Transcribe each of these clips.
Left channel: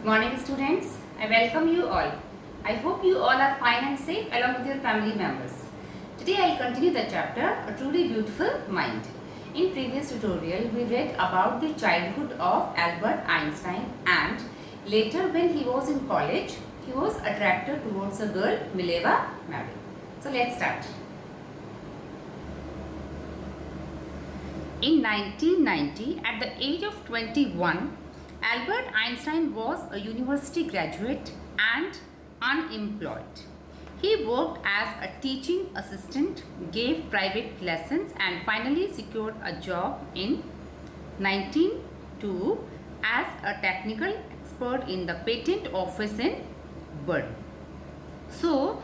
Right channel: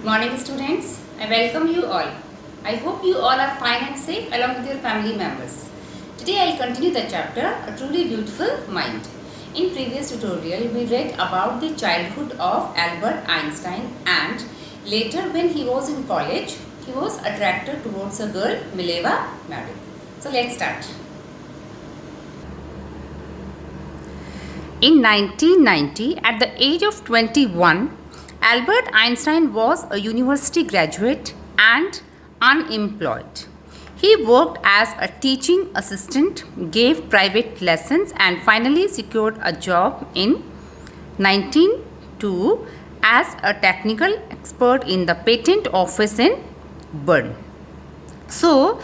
Good morning, students. I welcome you all. I hope you all are fine and safe along with your family members. Today I'll continue the chapter A Truly Beautiful Mind. In previous tutorial, we read about the childhood of Albert Einstein, and later when he was in college, he was attracted towards a girl, Mileva Marik. So let's start. In 1990, at the age of 21, Albert Einstein was a university graduate and unemployed. He worked as a teaching assistant, gave private lessons, and finally secured a job in 1902 as a technical expert in the patent office in Bern. So,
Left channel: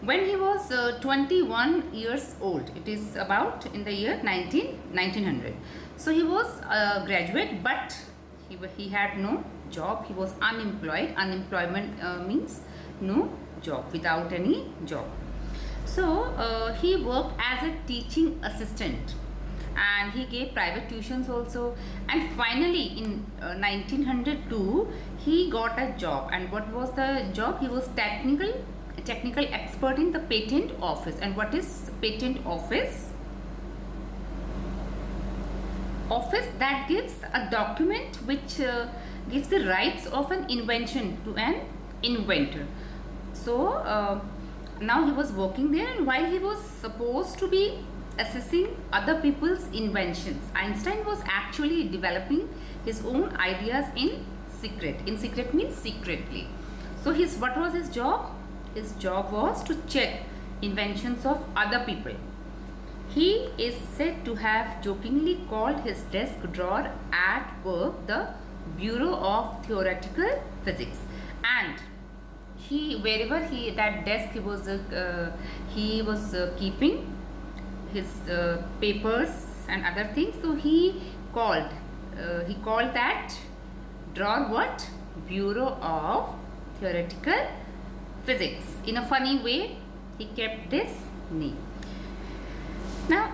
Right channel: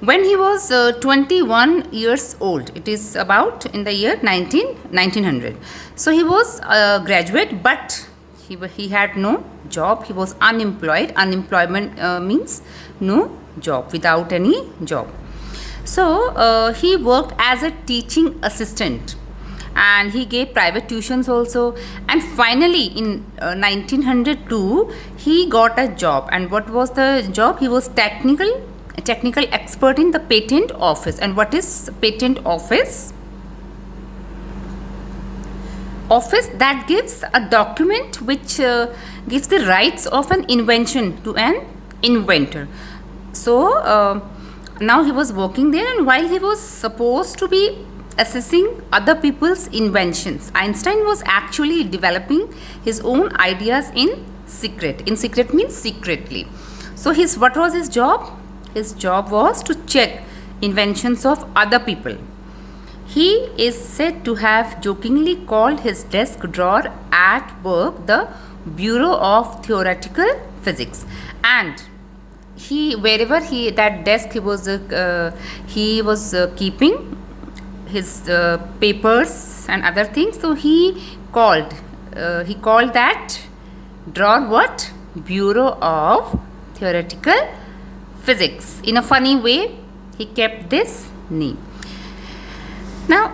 when he was 21 years old, it is about in the year 1900. So, he was a graduate, but he had no job. He was unemployed. Unemployment means no job, without any job. So he worked as a teaching assistant and he gave private tuitions also, and finally in 1902 he got a job. And what was the job? He was technical expert in the patent office. And what is patent office? Office that gives a document which gives the rights of an invention to an inventor. So now he was working there, and while he was supposed to be assessing other people's inventions, Einstein was actually developing his own ideas in secret. In secret means secretly. So what was his job? His job was to check inventions of other people. He is said to have jokingly called his desk drawer at work the Bureau of Theoretical Physics, and wherever that desk he was keeping his papers and other things. So he called that drawer what? Bureau of Theoretical Physics. In a funny way, he kept this name. Now,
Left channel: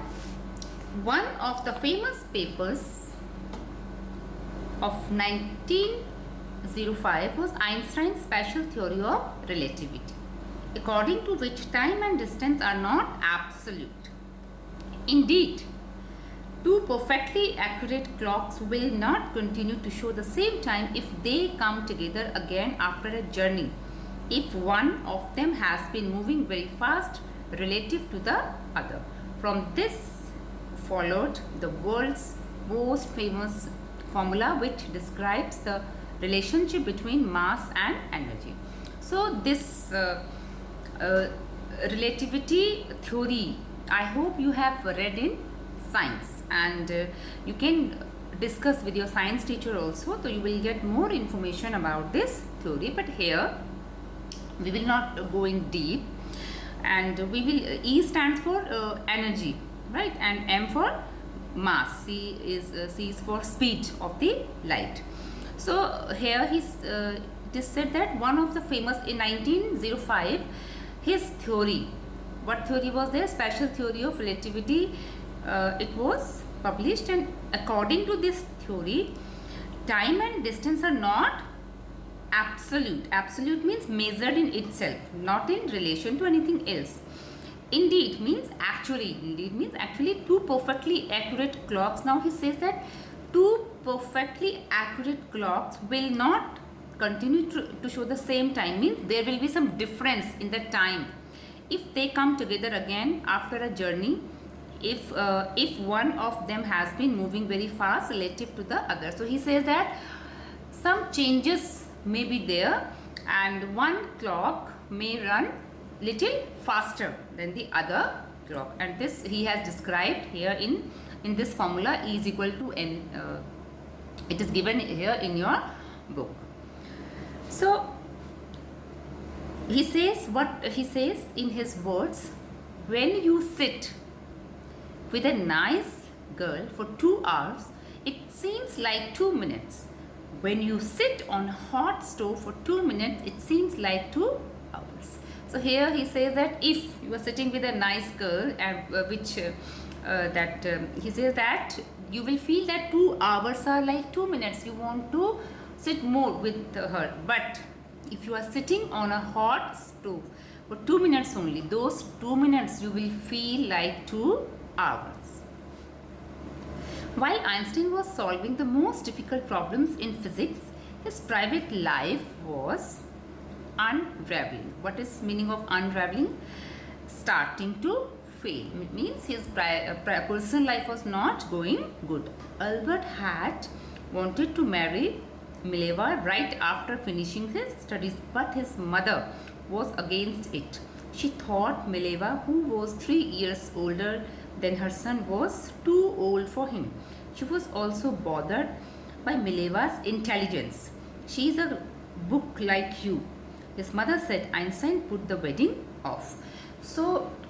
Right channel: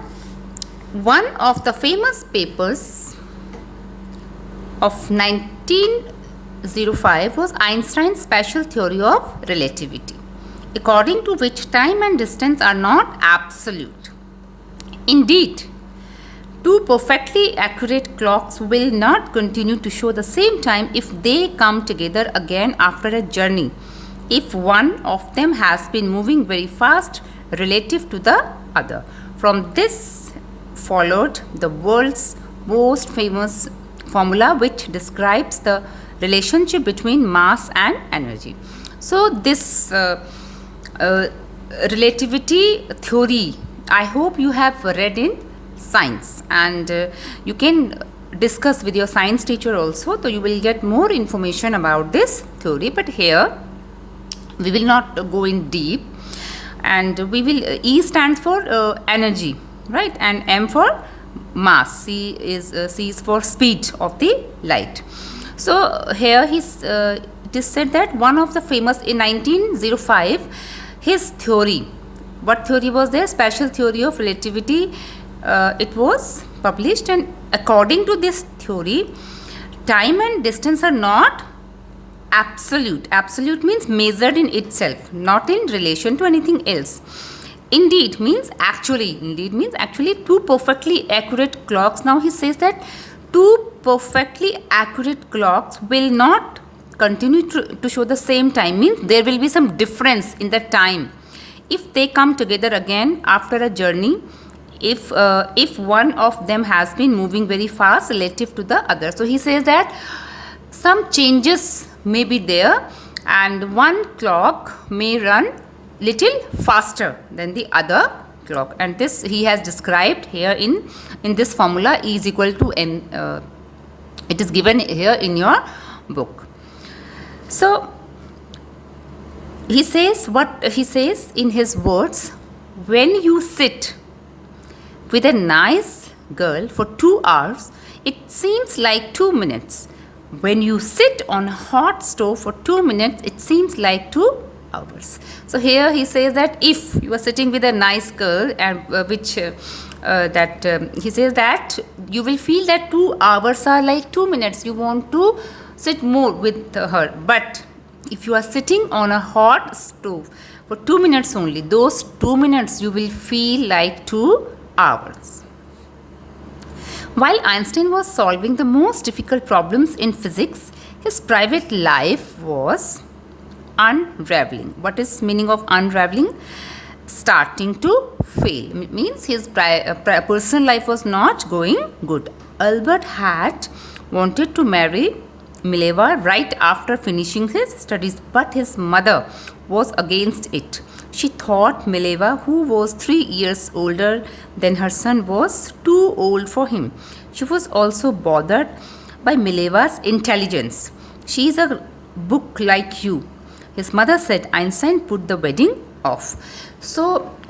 one of the famous papers of 1905 was Einstein's special theory of relativity, according to which time and distance are not absolute. Indeed, two perfectly accurate clocks will not continue to show the same time if they come together again after a journey, if one of them has been moving very fast relative to the other. From this followed the world's most famous formula which describes the relationship between mass and energy. So this relativity theory, I hope you have read in science, and you can discuss with your science teacher also, so you will get more information about this theory. But here we will not go in deep, and we will E stands for energy, right, and M for mass. C is for speed of the light. So here it is said that one of the famous in 1905, his theory, what theory was there? Special theory of relativity. It was published, and according to this theory, time and distance are not absolute. Absolute means measured in itself, not in relation to anything else. Indeed means actually two perfectly accurate clocks. Now he says that two perfectly accurate clocks will not continue to show the same time, means there will be some difference in the time if they come together again after a journey, if one of them has been moving very fast relative to the other. So he says that some changes may be there, and one clock may run little faster than the other clock, and this he has described here in this formula. E is equal to m. It is given here in your book. So he says what he says in his words: when you sit with a nice girl for 2 hours, it seems like 2 minutes. When you sit on a hot stove for 2 minutes, it seems like 2 hours. So here he says that if you are sitting with a nice girl, and he says that you will feel that 2 hours are like 2 minutes. You want to sit more with her. But if you are sitting on a hot stove for 2 minutes only, those 2 minutes you will feel like 2 hours. While Einstein was solving the most difficult problems in physics, his private life was unraveling. What is meaning of unraveling? Starting to fail. It means his personal life was not going good. Albert had wanted to marry Mileva right after finishing his studies, but his mother was against it. She thought Mileva, who was 3 years older than her son, was too old for him. She was also bothered by Mileva's intelligence. She is a book like you. His mother said. Einstein put the wedding off. So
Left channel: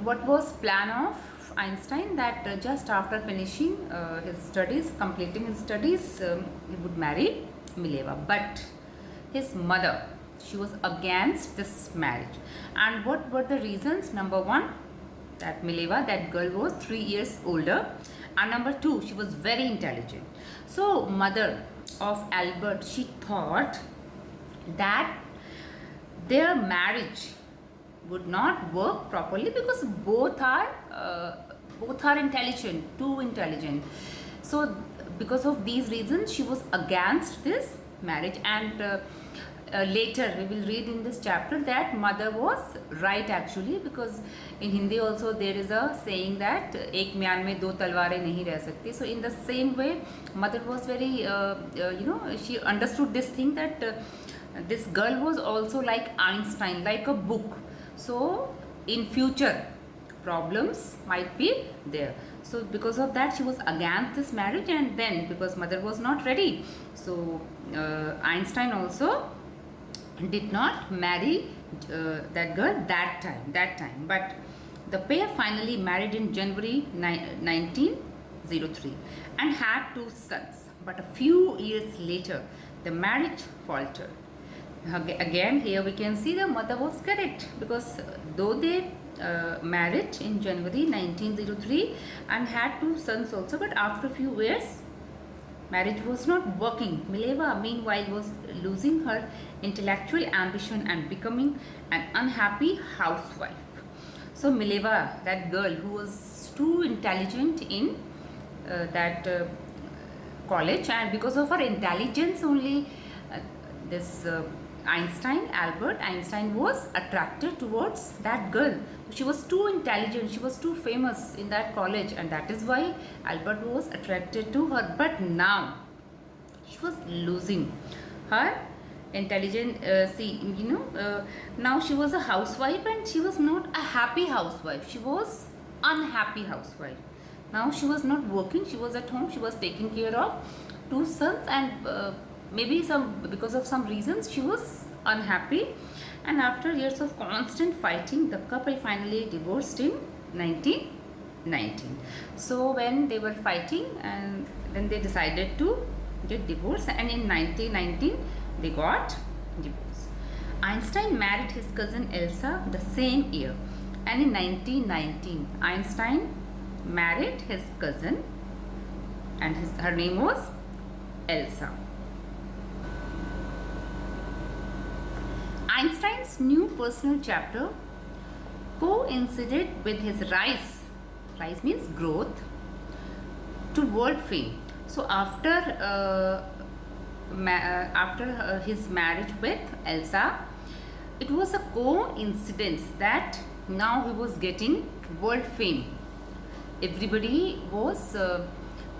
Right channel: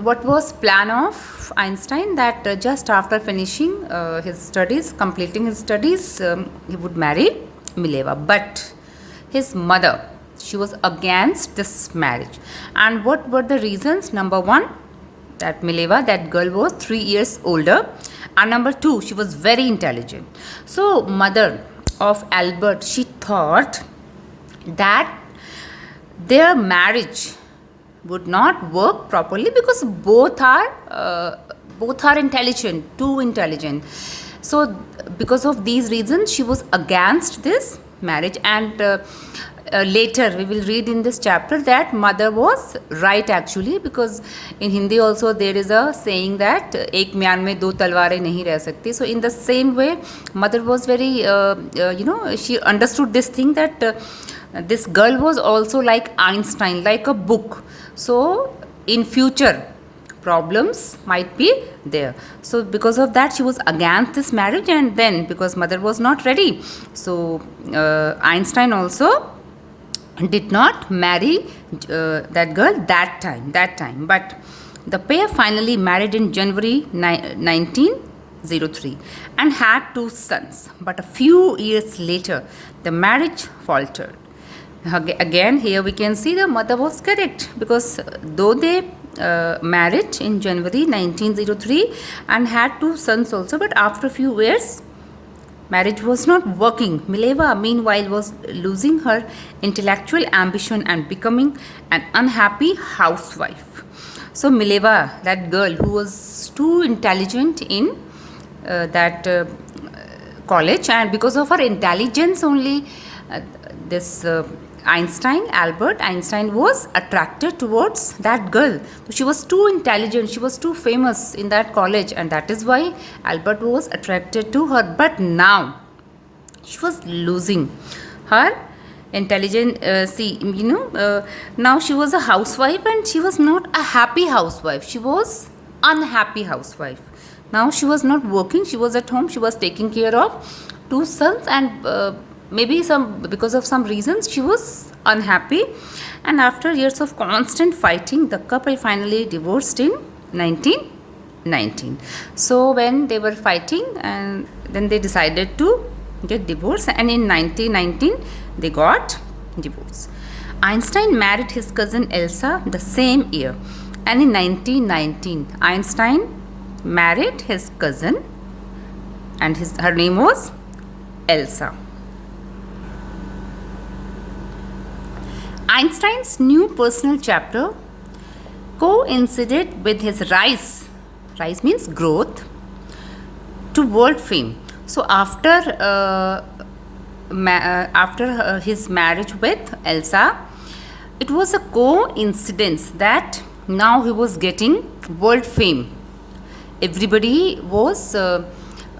what was plan of Einstein? That just after finishing his studies, completing his studies, he would marry Mileva. But his mother, she was against this marriage. And what were the reasons? Number one, that Mileva, that girl, was 3 years older. And number two, she was very intelligent. So mother of Albert, she thought that their marriage would not work properly because both are intelligent, too intelligent. So because of these reasons, she was against this marriage. And later we will read in this chapter that mother was right actually, because in Hindi also there is a saying that एक म्यान में दो तलवारें नहीं रह सकती. So in the same way, mother was very she understood this thing that this girl was also like Einstein, like a book. So in future problems might be there. So because of that, she was against this marriage. And then because mother was not ready, so Einstein also did not marry that girl that time. But the pair finally married in January 1903 and had 2 sons. But a few years later, the marriage faltered. Again, here we can see the mother was correct, because though they married in January 1903 and had 2 sons also, but after a few years, marriage was not working. Mileva, meanwhile, was losing her intellectual ambition and becoming an unhappy housewife. So Mileva, that girl who was too intelligent in that college, and because of her intelligence only, this Albert Einstein was attracted towards that girl. She was too intelligent, she was too famous in that college, and that is why Albert was attracted to her. But now she was losing her intelligence. Now she was a housewife, and she was not a happy housewife. She was unhappy housewife. Now she was not working, she was at home, she was taking care of 2 sons, and maybe because of some reasons she was unhappy. And after years of constant fighting, the couple finally divorced in 1919. So when they were fighting, and then they decided to get divorced, and in 1919 they got divorced. Einstein married his cousin Elsa the same year, and in 1919 Einstein married his cousin, and her name was Elsa. Einstein's new personal chapter coincided with his rise means growth, to world fame. So after his marriage with Elsa, it was a coincidence that now he was getting world fame. Everybody was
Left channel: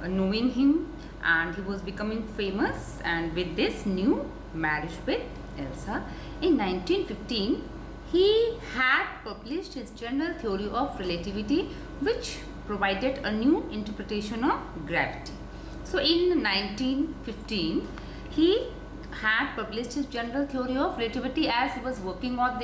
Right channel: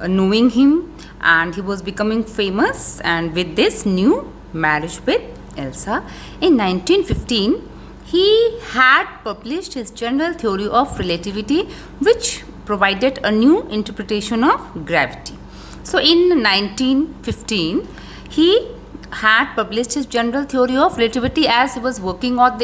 knowing him, and he was becoming famous, and with this new marriage with Elsa. In 1915, he had published his general theory of relativity, which provided a new interpretation of gravity. So in 1915, he had published his general theory of relativity, as he was working on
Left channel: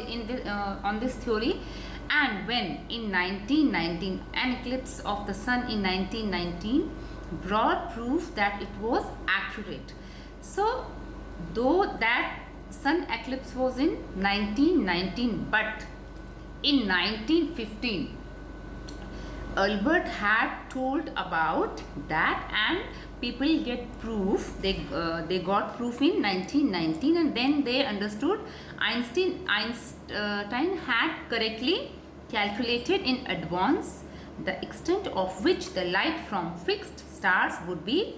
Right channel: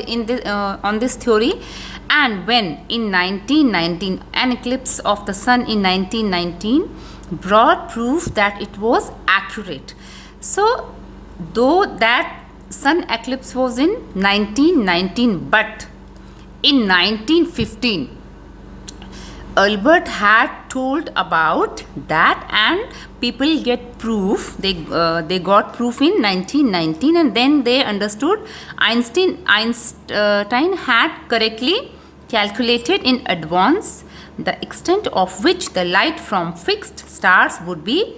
this theory. And when in 1919, an eclipse of the sun in 1919 brought proof that it was accurate. So though that sun eclipse was in 1919, but in 1915 Albert had told about that, and people get proof. They got proof in 1919, and then they understood Einstein had correctly calculated in advance the extent of which the light from fixed stars would be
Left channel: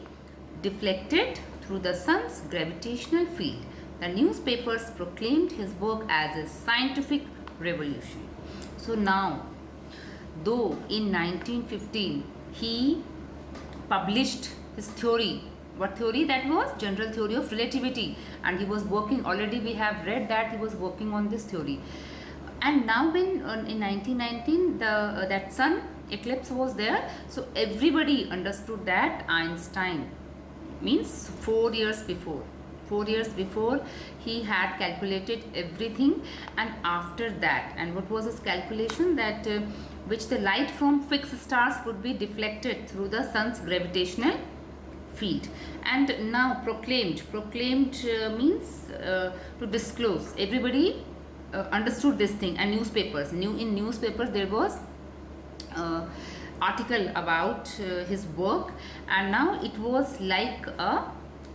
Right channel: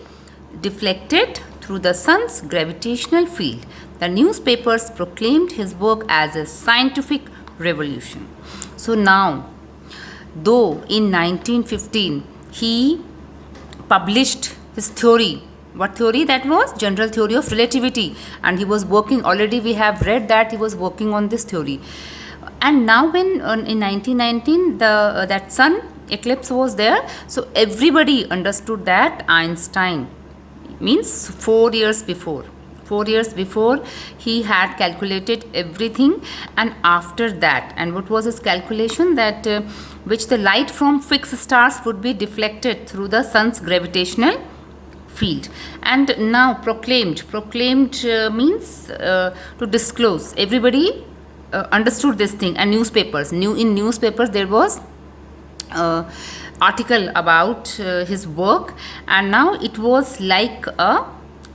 deflected through the sun's gravitational field. The newspapers proclaimed his work as a scientific revolution. So now, though in 1915 he published his theory, what theory that was? General theory of relativity, and he was working, already we have read that he was working on this theory. And now when in 1919 that sun eclipse was there, so everybody understood that Einstein, means 4 years before he had calculated everything. And after that, and what was his calculation? That which the light from fixed stars would be deflected through the sun's gravitational field. And now proclaimed means to disclose. Everybody understood this thing. And in newspapers there was article about his work, and now it was like a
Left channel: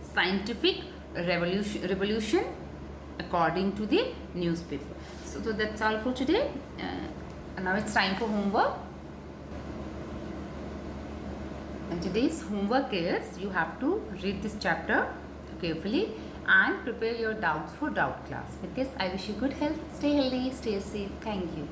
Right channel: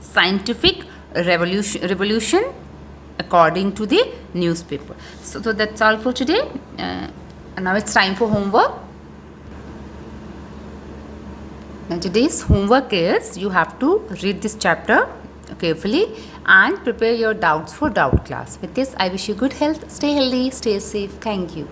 scientific revolution according to the newspaper. So that's all for today. Now it's time for homework. And today's homework is you have to read this chapter carefully and prepare your doubts for doubt class. With this, I wish you good health. Stay healthy, stay safe. Thank you.